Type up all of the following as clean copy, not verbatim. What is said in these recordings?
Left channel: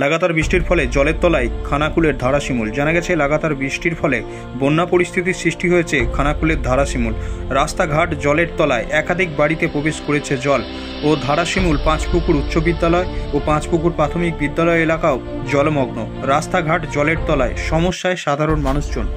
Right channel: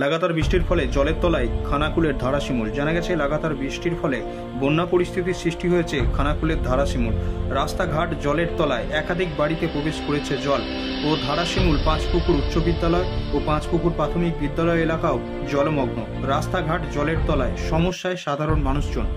লাগাতার বৃষ্টির ফলে জলের তলায় খানাকুলের ধারাশিমুল। জানা গেছে লাগাতার বৃষ্টির ফলে বন্যা পরিস্থিতির সৃষ্টি হয়েছে খানাকুলের ধারাশিমুল। রাস্তাঘাট জলের তলায়, একাধিক বাড়িতে প্রবেশ করেছে জল ও ধারাশিমুল পাঁচপুকুর উচ্চ বিদ্যালয় ও পাঁচপুকুর প্রাথমিক বিদ্যালয় এলাকাও জলমগ্ন। রাস্তাঘাট জলের তলায়, সমস্যায় সাধারণ মানুষজন।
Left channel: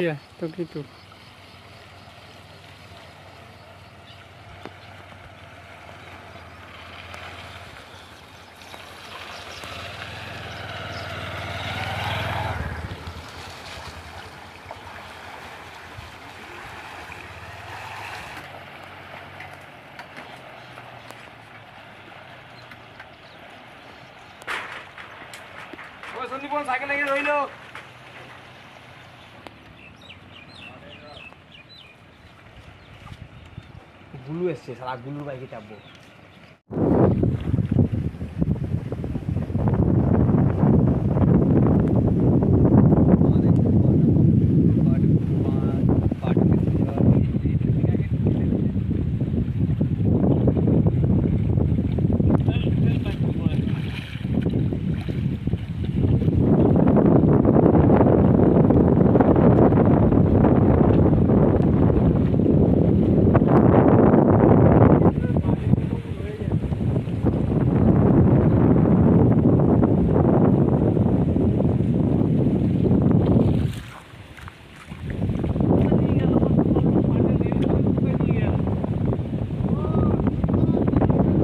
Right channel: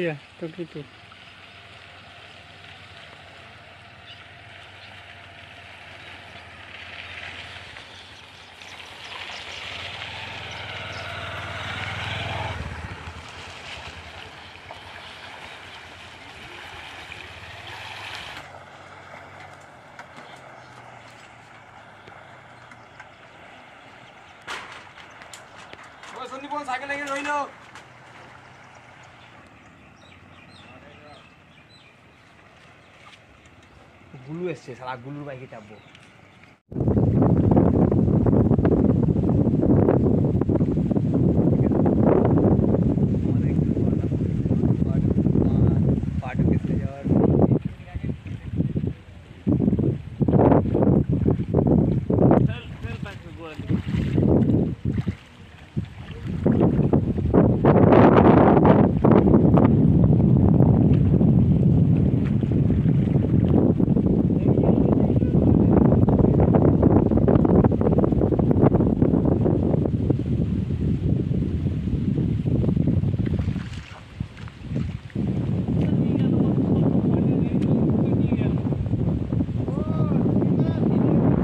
Iya, begitu. সন্দীপ সাইকেল লেগে রইল। গুলু এসছে, সারা গুলুর বাইকে চাপবো।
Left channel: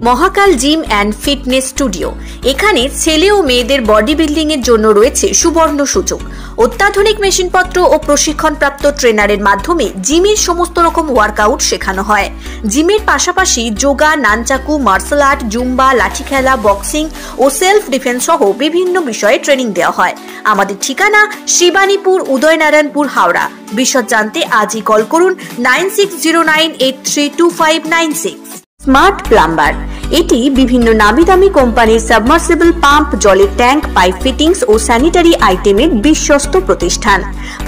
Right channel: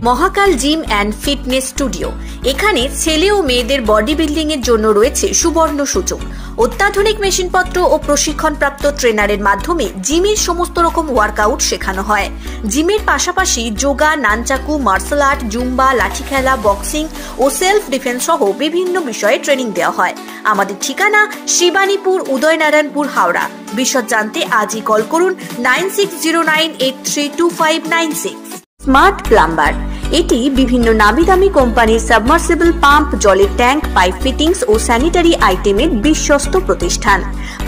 মহাকাল জিম অ্যান্ড ফিটনেস স্টুডিও। এখানে ছেলে ও মেয়েদের বডি বিল্ডিং এর জন্য রয়েছে সুবর্ণ সুযোগ। অত্যাধুনিক মেশিনপত্র ও প্রশিক্ষণপ্রাপ্ত ট্রেনারের মাধ্যমে জিমের সমস্ত রকম ওয়ার্কআউট শেখানো হয়। জিমের পাশাপাশি yoga, nunchaku, martial art, zumba, লাঠি খেলা, বক্সিং ও সেলফ ডিফেন্স সহ বিভিন্ন বিষয়ে ট্রেনিং দেওয়া হয়। আমাদের ঠিকানা শিবানীপুর, উদয়নারায়ণপুর, হাওড়া। বিশদ জানতে আজই কল করুন 9609832596। স্মার্ট প্লাম্বার, এটি বিভিন্ন নামি দামি কোম্পানির সাবমার্সিবল পাম্প, জলের ট্যাঙ্ক, পাইপ ফিটিংস ও স্যানিটারি আইটেমের বিশ্বস্ত প্রতিষ্ঠান।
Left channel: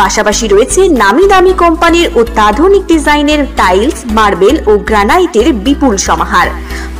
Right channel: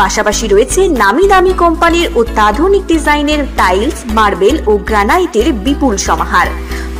পাশাপাশি রয়েছে নামি দামি কোম্পানির অত্যাধুনিক ডিজাইনের টাইলস, মার্বেল ও গ্রানাইটের বিপুল সমাহার।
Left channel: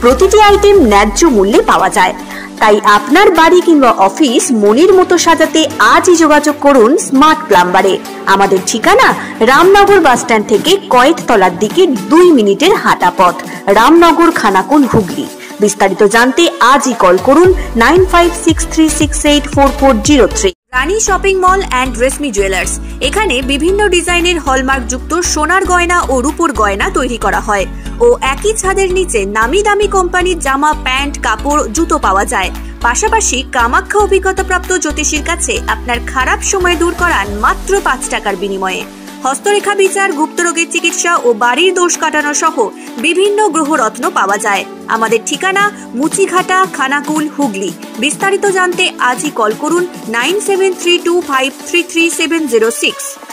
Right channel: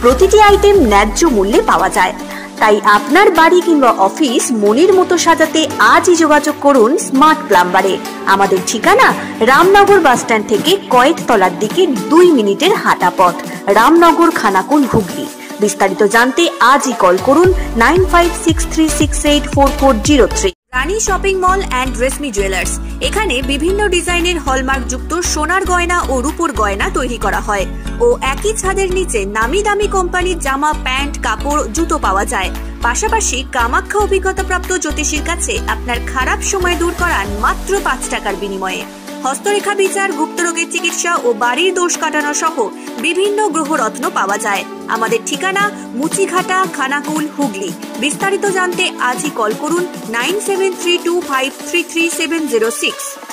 প্রতিটি আইটেম ন্যায্য মূল্যে পাওয়া যায়। তাই আপনার বাড়ি কিংবা অফিস মনের মতো সাজাতে আজই যোগাযোগ করুন স্মার্ট প্লাম্বারে। আমাদের ঠিকানা রামনগর বাসস্ট্যান্ড থেকে কয়েকতলার দিকে 2 মিনিটের হাঁটা পথ, রামনগর, খানাকুল, হুগলি। বিস্তারিত জানতে আজই কল করুন 9563684403। Rani shopping mall and Reshmi jewellers, এখানে বিভিন্ন ডিজাইনের হলমার্ক যুক্ত সোনার গয়না ও রূপোর গয়না তৈরি করা হয় ও একই ছাদের নিচে নামি দামি কোম্পানির জামা, প্যান্ট, কাপড়, জুতো পাওয়া যায়। পাশাপাশি কামাখ্যা অভিজ্ঞতাপ্রাপ্ত জ্যোতিষীর কাছে আপনার খারাপ সময় দূর করান মাত্র 5 টাকার বিনিময়ে। হস্তরেখা বিচার, গুপ্তরোগের চিকিৎসা ও বাড়ির দোষ কাটানো সহ বিভিন্ন গ্রহরত্ন পাওয়া যায়। আমাদের ঠিকানা মুচিঘাটা, খানাকুল, হুগলি। বিস্তারিত জানতে আজই কল করুন 9732533706।